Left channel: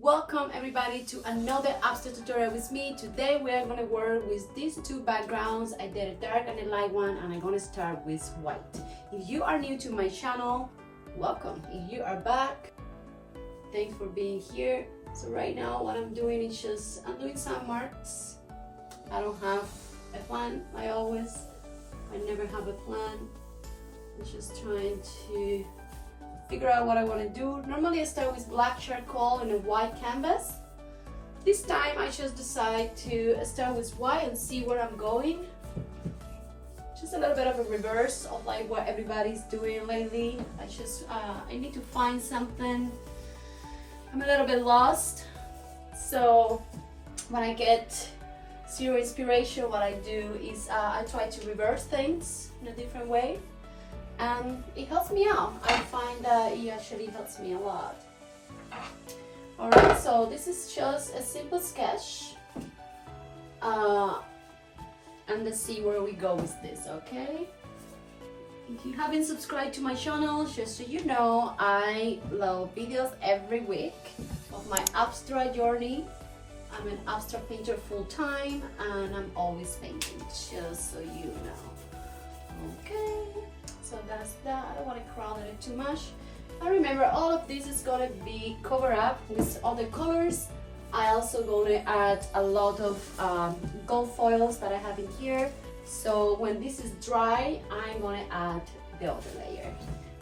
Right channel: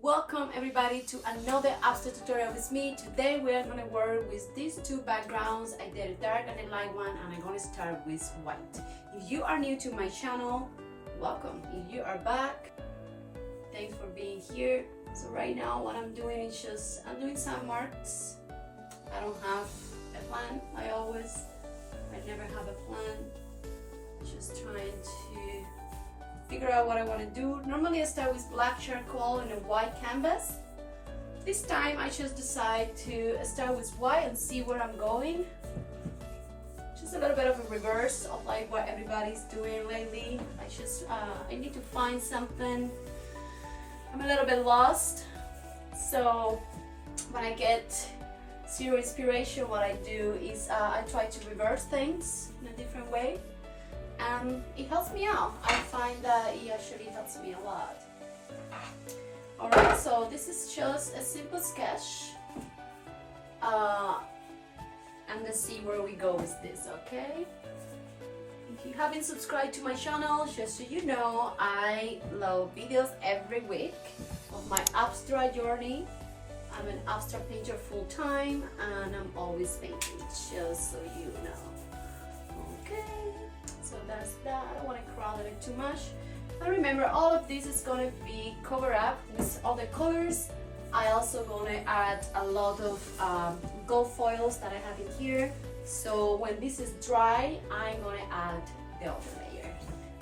Welcome everybody to another abstract tutorial with me. Today we're going to work with these two backgrounds. I did a dark and a light one, and I'm going to start with white. If you are new to my channel, welcome. If you are back, thanks for being here. So right now what I'm doing is I'm doing some marks. I don't have a plan. I never have a plan. I'm just trying to figure out what I want to do. Normally I start with black charcoal and a white canvas. This time I just decide to start with white and see where I'm going. Just a little bit of a reverse of like what everybody's doing lately. I need to find something. I'm a little bit lost. So when I get zero inspiration, what I do is I try to reverse things in a different way. And it helps me out. I find that it actually helps me a lot. Alright, so this is just a simple sketch. And let's see where we go with this, okay? If you haven't subscribed to my channel, just so you know, I upload videos every week of my abstract journey. I'm an abstract painter full-time and I'm always painting, just so you know. Okay. So that's that. I don't want to crowd it too much. And remember, all of this is going to be covered up with other colors. I also going to add a lot of gold foils that I have in here. So when this is dry, I'm going to add the other layer.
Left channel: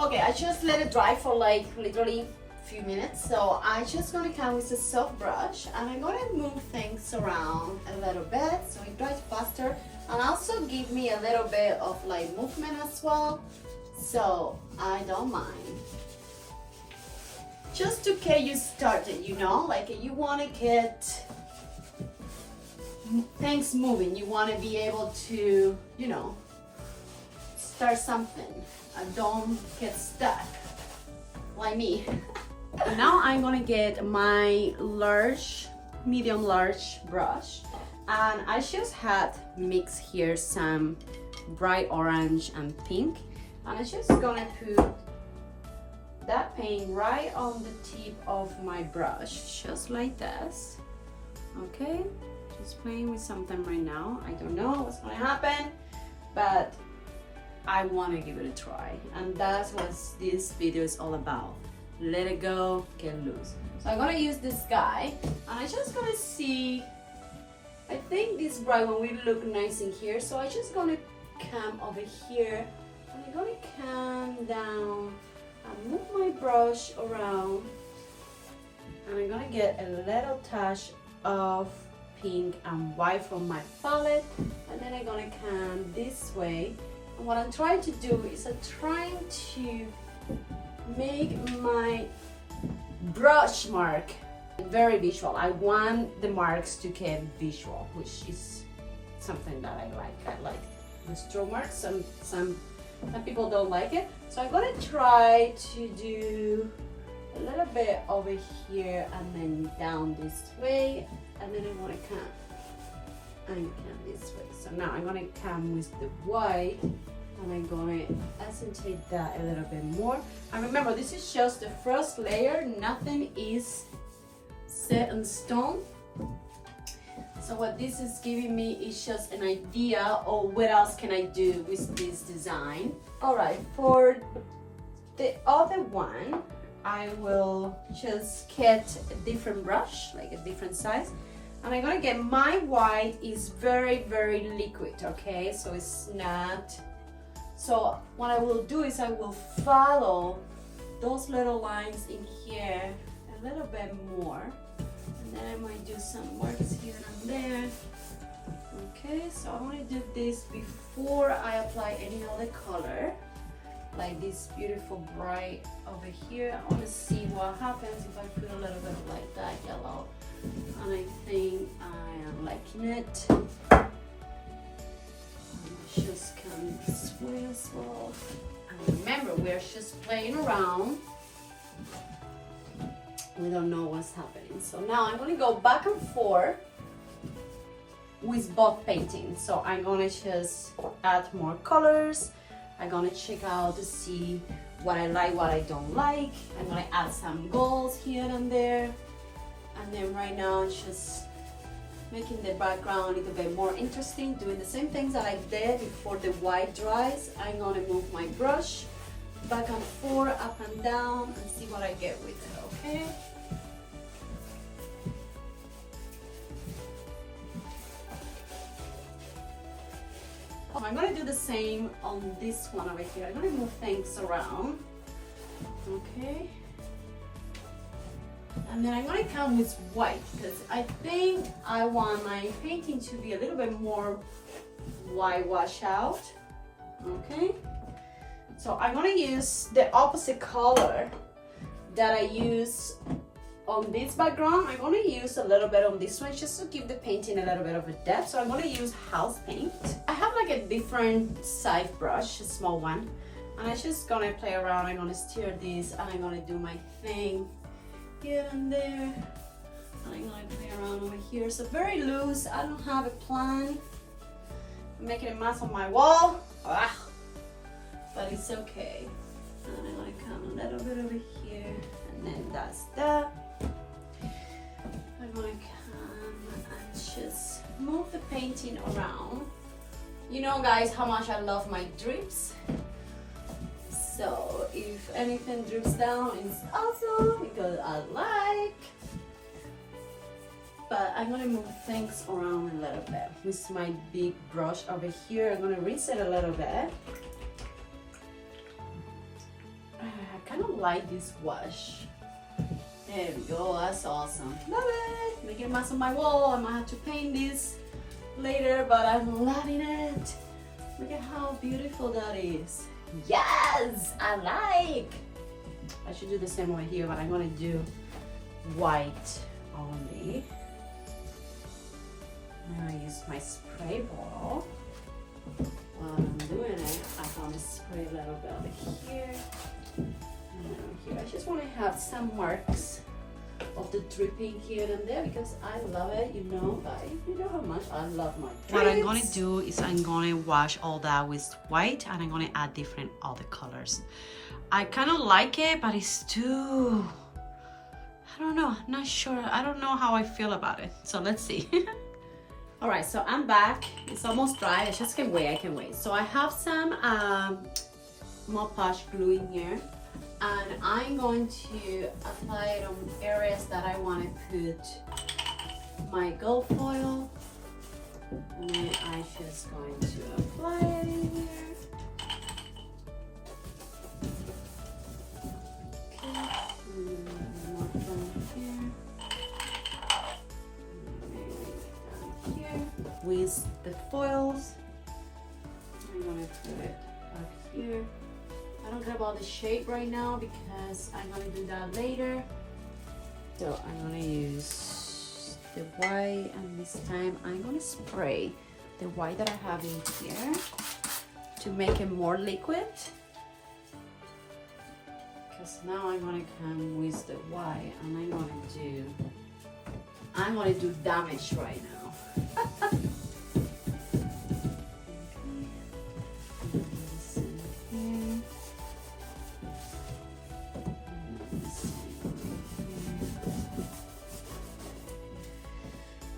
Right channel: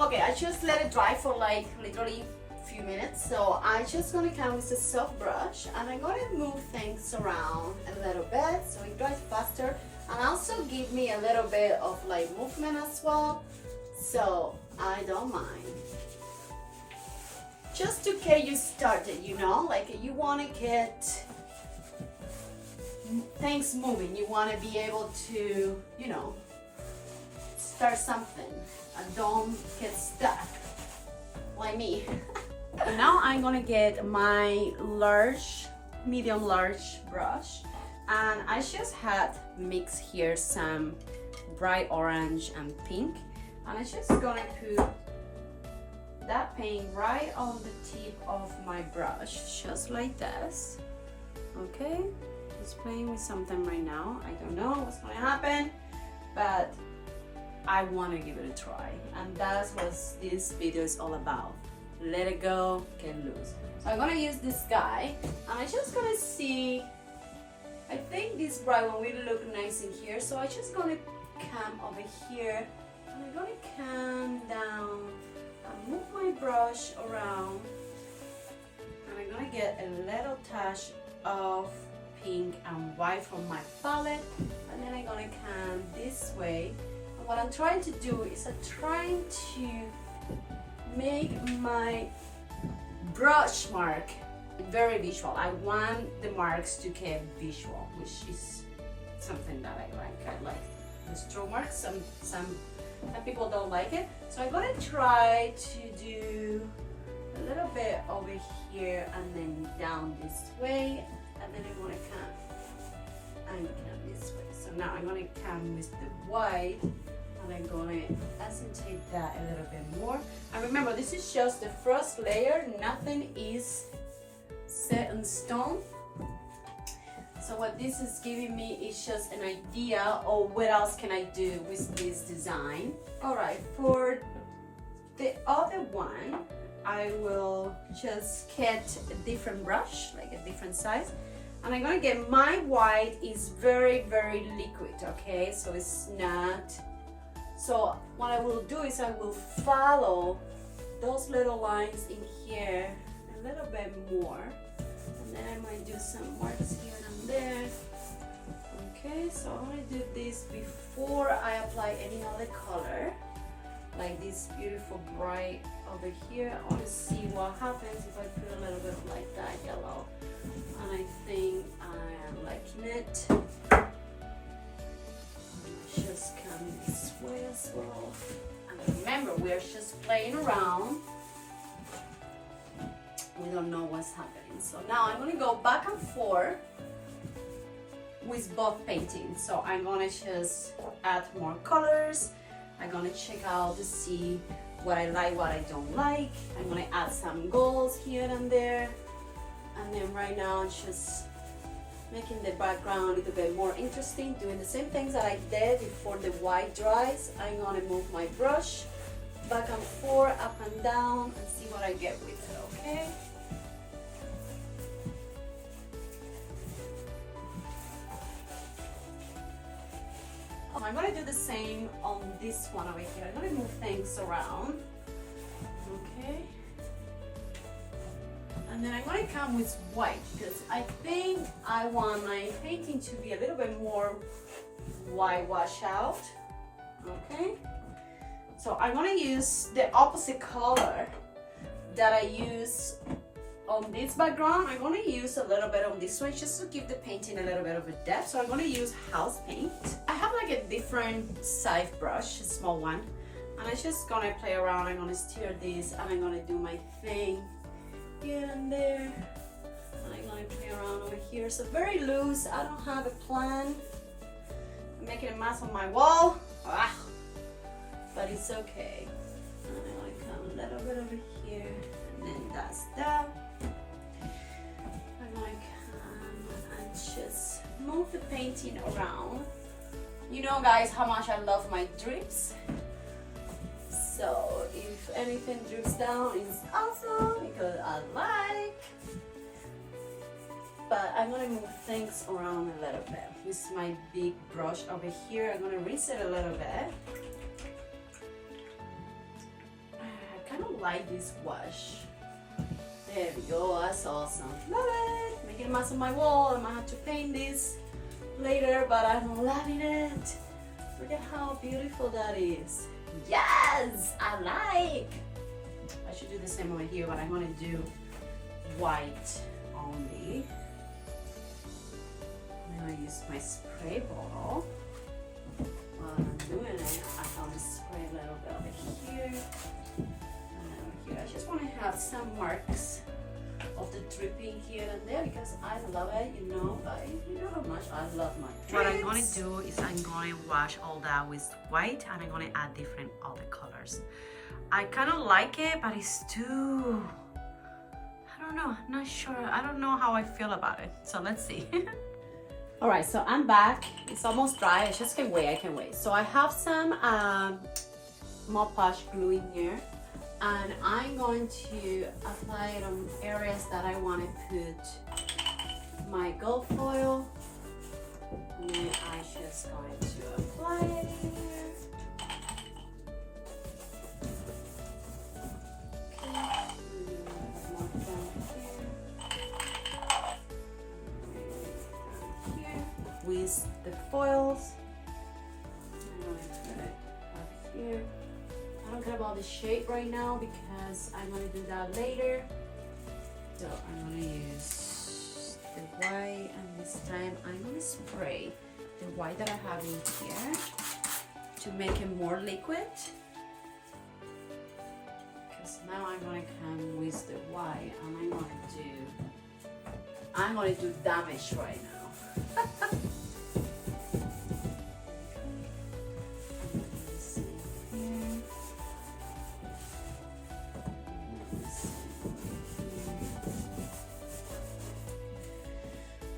Okay, I just let it dry for like literally a few minutes. So I'm just going to come with a soft brush and I'm going to move things around a little bit so it dries faster. And also give me a little bit of like movement as well, so I don't mind. Just to get you started, you know, like you want to get things moving. You want to be able to, you know, start something and don't get stuck like me. Now I'm gonna get my medium large brush. And I just had mixed here some bright orange and pink. And I'm just gonna put that paint right on the tip of my brush, just like this. Okay, just playing with something right now. I don't know what's gonna happen, but I wanna give it a try. And that's what this video is all about. Let it go, get loose. So I'm gonna use this guy, and I'm just gonna see. I think this bright one will look nice in here, so I'm just gonna come over here and I'm gonna come down and move my brush around, and I'm gonna get a little touch of pink and white from my palette, and then I'm gonna come this way. And what I'm trying to do is I'm trying to make my brush mark very visual. I want the marks to get visual, which is something that I like. I like the stroke marks. Some people don't like it. So I'm gonna try to do a little bit over here and then down this way, and then I want to come and come this way. So now I'm gonna come with the white and I'm gonna accentuate that a little bit more. And remember, this is just the first layer. Nothing is set in stone. So what this is giving me is just an idea of what else can I do with this design. All right, for the other one, I will just get a different brush, like a different size. And I'm gonna get my white is very, very liquid, okay? So it's not, so what I will do is I will follow those little lines in here a little bit more. And then I might do some marks here and there. Okay, so I want to do this before I apply any other color. Like this beautiful bright over here. I want to see what happens if I put a little bit of like that yellow. And I think I am liking it. Just come this way as well. And remember, we're just playing around. We don't know what's happening. So now I'm going to go back and forth with both paintings. So I'm going to just add more colors. I'm going to check out to see what I like, what I don't like. I'm going to add some golds here and there. right now is just making the background a little bit more interesting, doing the same things that I did before the white dries. I'm gonna move my brush back and forth, up and down, and see what I get with it, okay? I'm gonna do the same on this one over here. I'm gonna move things around, okay? And then I'm gonna come with white because I think I want my painting to be a little bit more white wash out, okay? So I'm gonna use the opposite color that I use on this background. I'm gonna use a little bit on this one just to give the painting a little bit of a depth. So I'm gonna use house paint. I have like a different size brush, a small one, and I'm just gonna play around. I'm gonna stir this and I'm gonna do my thing here and there, and I'm gonna play around over here. So very loose. I don't have a plan. I'm making a mess on my wall, but it's okay. And I'm gonna come a little bit over here, and then that's that. I'm gonna come and just move the painting around. You know, guys, how much I love my drips. So if anything drips down, it's awesome because I like. But I'm gonna move things around a little bit with my big brush over here. I'm gonna reset a little bit. I kind of like this wash. There we go, that's awesome. Love it! Making a mess on my wall. I might have to paint this later, but I'm loving it. Look at how beautiful that is. Yes, I like. I should do the same over here, but I'm gonna do white only. Now I use my spray bottle. While I'm doing it, I'm gonna spray a little bit over here and over here. I just want to have some marks of the dripping here and there because I love it. You know how much I love my drips. What I'm gonna do is I'm gonna wash all that with white, and I'm gonna add different other colors. I kind of like it, but it's too, I don't know, I'm not sure. I don't know how I feel about it. So let's see. All right, so I'm back. It's almost dry. I just can't wait. I can wait. So I have some Mod Podge glue in here, and I'm going to apply it on areas that I want to put my gold foil. And then I'm just going to apply it in here. With the foils, I'm going to put it up here. I don't care about the shape right now because I'm going to do that later. So I'm going to use the white, and this time I'm going to spray the white that I have in here to make it more liquid. Because now I'm going to come with the white and I'm going to do damage right now.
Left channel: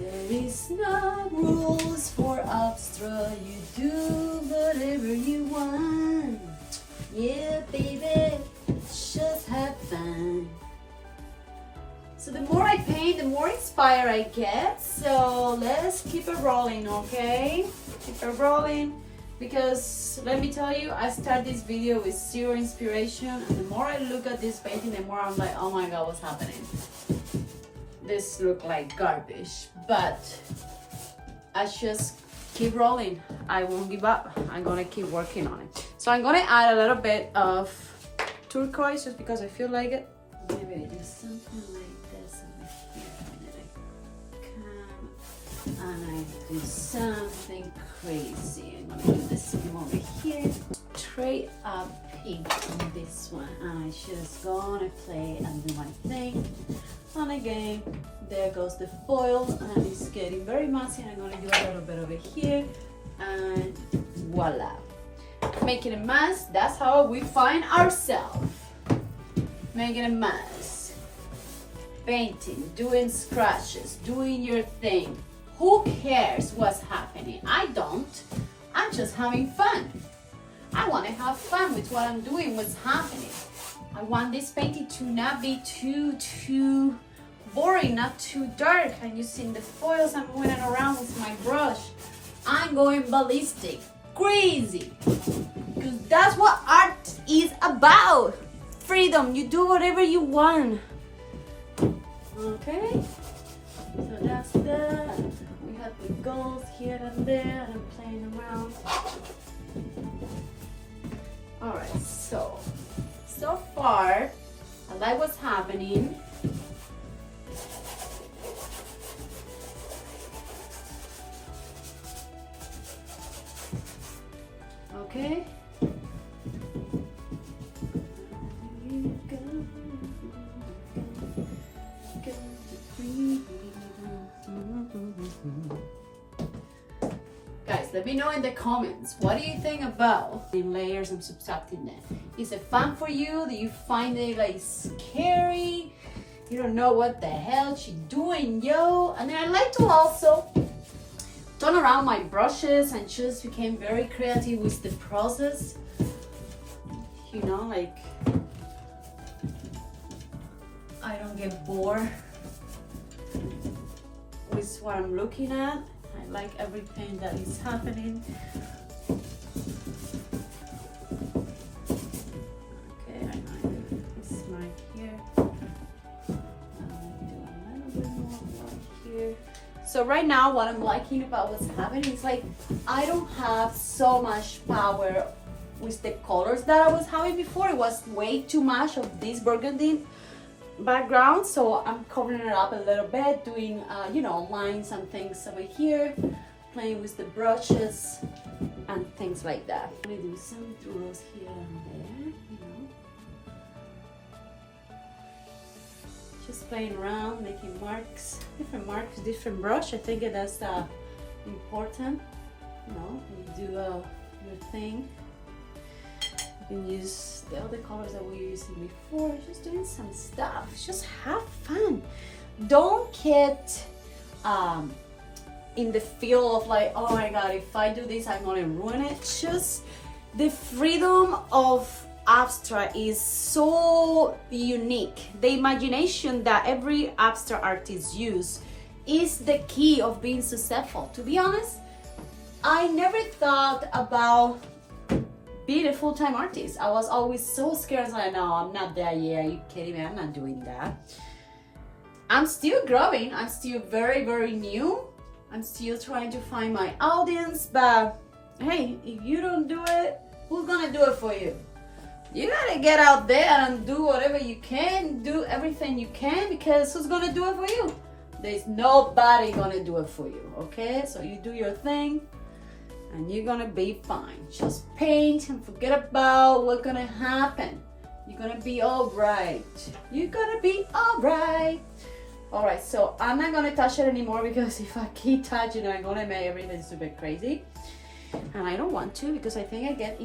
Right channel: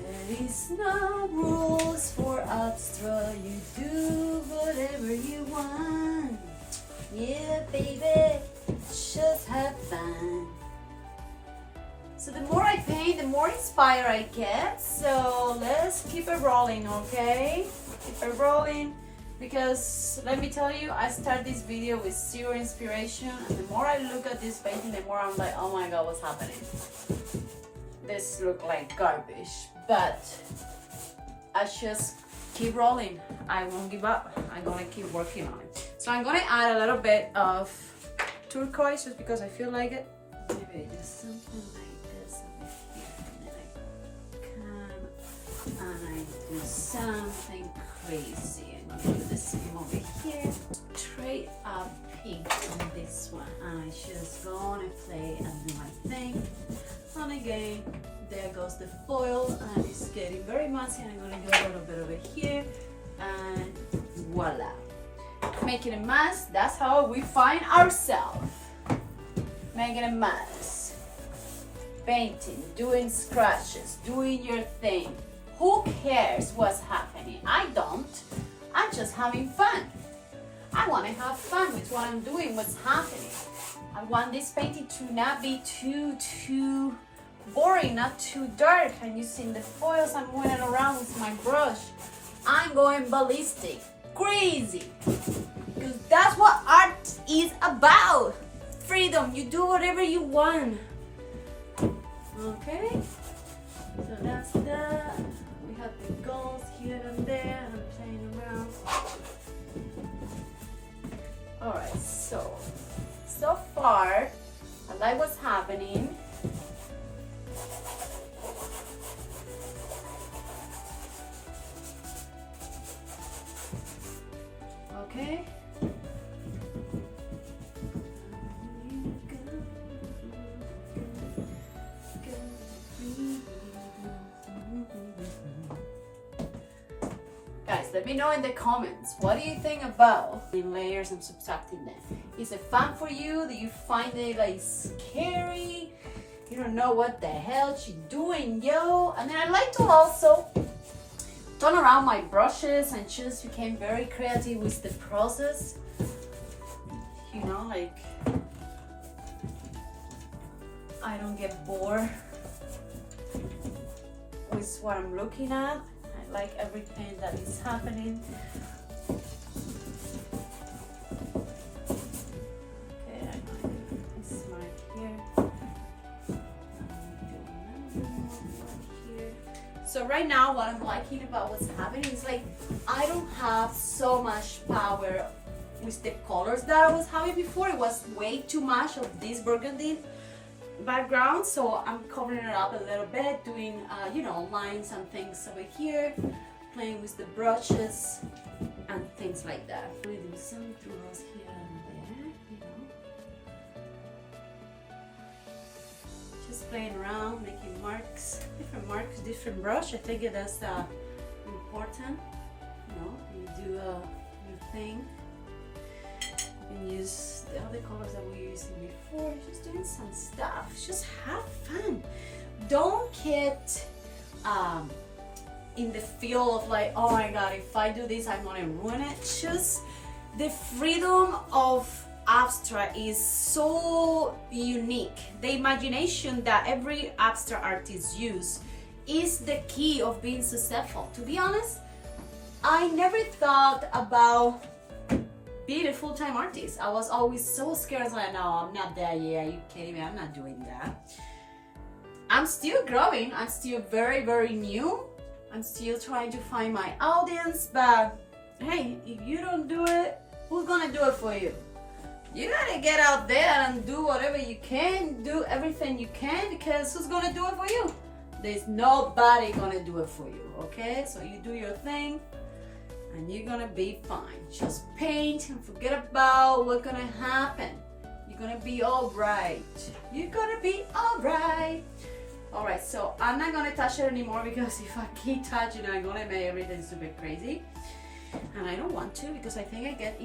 There is no rules for Abstra. You do whatever you want. Yeah, baby, just have fun. So the more I paint, the more inspired I get. So let's keep it rolling, okay? Keep it rolling, because let me tell you, I start this video with zero inspiration, and the more I look at this painting, the more I'm like, oh my god, what's happening? This look like garbage, but I just keep rolling. I won't give up. I'm gonna keep working on it. So I'm gonna add a little bit of turquoise just because I feel like it. Maybe just something like this over here, and then I come and I do something crazy. I'm gonna do this one over here. Straight up pink on this one. I'm just gonna play and do my thing. And again, there goes the foil, and it's getting very messy. I'm gonna do a little bit over here, and voila. Making a mess, that's how we find ourselves. Making a mess. painting, doing scratches, doing your thing. Who cares what's happening? I don't. I'm just having fun. I want to have fun with what I'm doing, what's happening. I want this painting to not be too boring, not too dark. I'm using the foils, I'm going around with my brush. I'm going ballistic, crazy. Because that's what art is about. Freedom, you do whatever you want. Okay? So that's that. We have the goals here and there, and I'm playing around. Alright, so far, I like what's happening. Okay. Guys, let me know in the comments, what do you think about the layers and subtracting them? Is it fun for you? Do you find it like scary? You don't know what the hell she's doing, yo? And then I like to also turn around my brushes and just became very creative with the process. You know, like I don't get bored with what I'm looking at. I like everything that is happening. Okay, I know it's mark here. Do a little bit more here. So right now, what I'm liking about what's happening is like I don't have so much power with the colors that I was having before. It was way too much of this burgundy background, so I'm covering it up a little bit, doing you know, lines and things over here, playing with the brushes and things like that. We do some draws here and there, you know, just playing around, making marks, different brush. I think that's important. You know, you do your thing. You can use the other colors that we were using before, just doing some stuff. Just have fun. Don't get in the feel of like, oh my god, if I do this I'm gonna ruin it. Just the freedom of abstract is so unique. The imagination that every abstract artist uses is the key of being successful. To be honest, I never thought about being a full-time artist. I was always so scared. I was like, no, I'm not there yet. Are you kidding me? I'm not doing that. I'm still growing. I'm still very, very new. I'm still trying to find my audience, but hey, if you don't do it, who's gonna do it for you? You gotta get out there and do whatever you can, do everything you can, because who's gonna do it for you? There's nobody gonna do it for you, okay? So you do your thing, and you're gonna be fine. Just paint and forget about what's gonna happen. You're gonna be all right. You're gonna be all right. All right, so I'm not gonna touch it anymore, because if I keep touching it, I'm gonna make everything super crazy. And I don't want to, because I think I get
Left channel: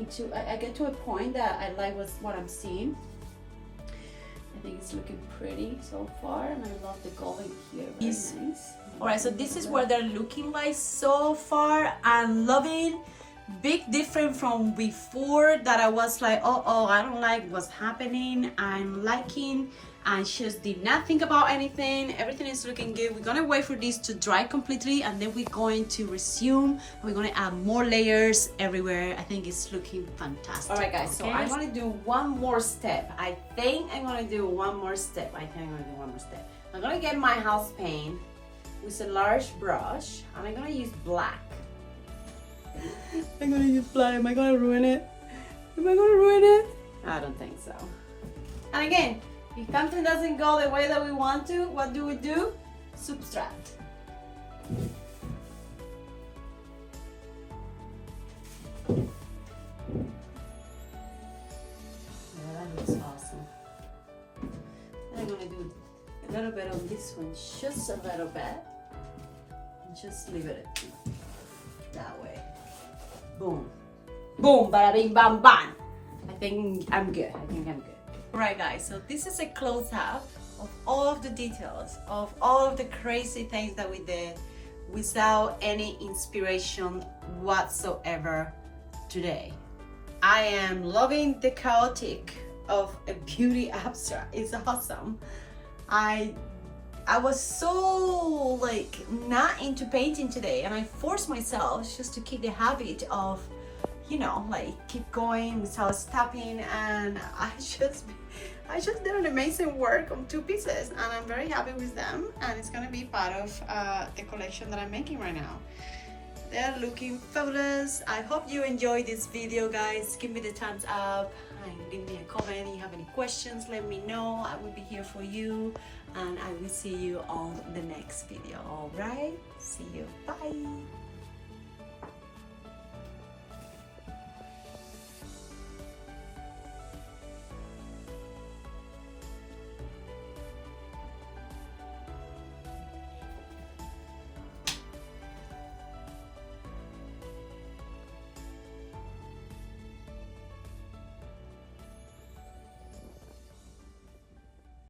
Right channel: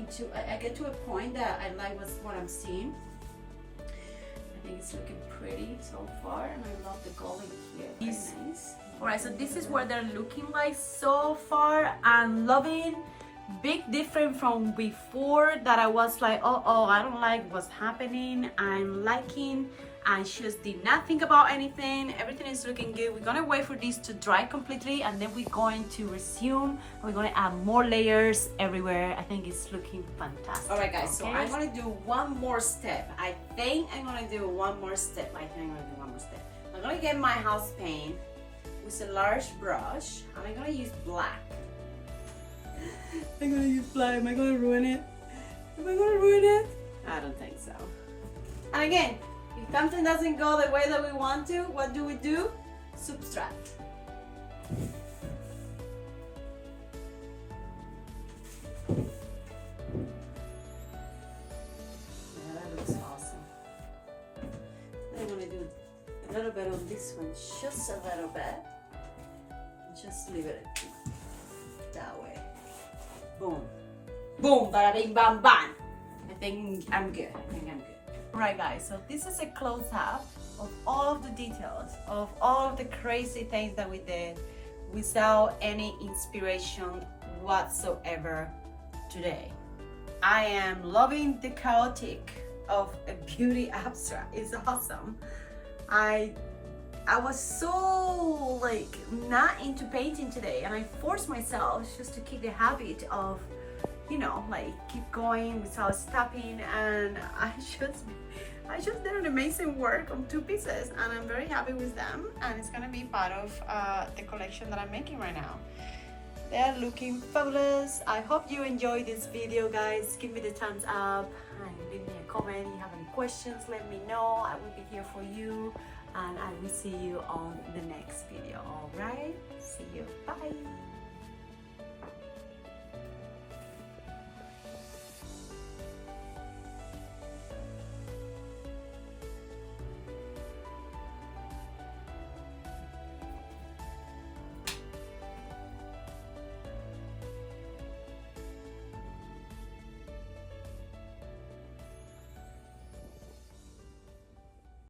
to a point that I like what I'm seeing. I think it's looking pretty so far, and I love the gold in here. Very nice. Alright, so this is what they're looking like so far. I'm loving. Big difference from before that I was like, oh, I don't like what's happening. I'm liking. I just did not think about anything. Everything is looking good. We're gonna wait for this to dry completely, and then we're going to resume. We're gonna add more layers everywhere. I think it's looking fantastic. Alright guys, so I'm gonna do one more step. I think I'm gonna do one more step. I'm gonna get my house paint with a large brush, and I'm gonna use black. I'm gonna use black. Am I gonna ruin it? I don't think so. And again, if something doesn't go the way that we want to, what do? Subtract. Yeah, that looks awesome. I'm gonna do a little bit on this one, just a little bit. And just leave it that way. Boom. Boom, bada bing bam bam. I think I'm good. Alright guys, so this is a close-up of all of the details, of all of the crazy things that we did without any inspiration whatsoever today. I am loving the chaotic of a beauty abstract. It's awesome. I was so like not into painting today, and I forced myself just to keep the habit of, you know, like keep going without stopping, and I just did an amazing work on 2 pieces, and I'm very happy with them, and it's gonna be part of the collection that I'm making right now. They're looking fabulous. I hope you enjoyed this video, guys. Give me the thumbs up and leave me a comment. If you have any questions, let me know. I will be here for you, and I will see you on the next video. All right, see you. Bye.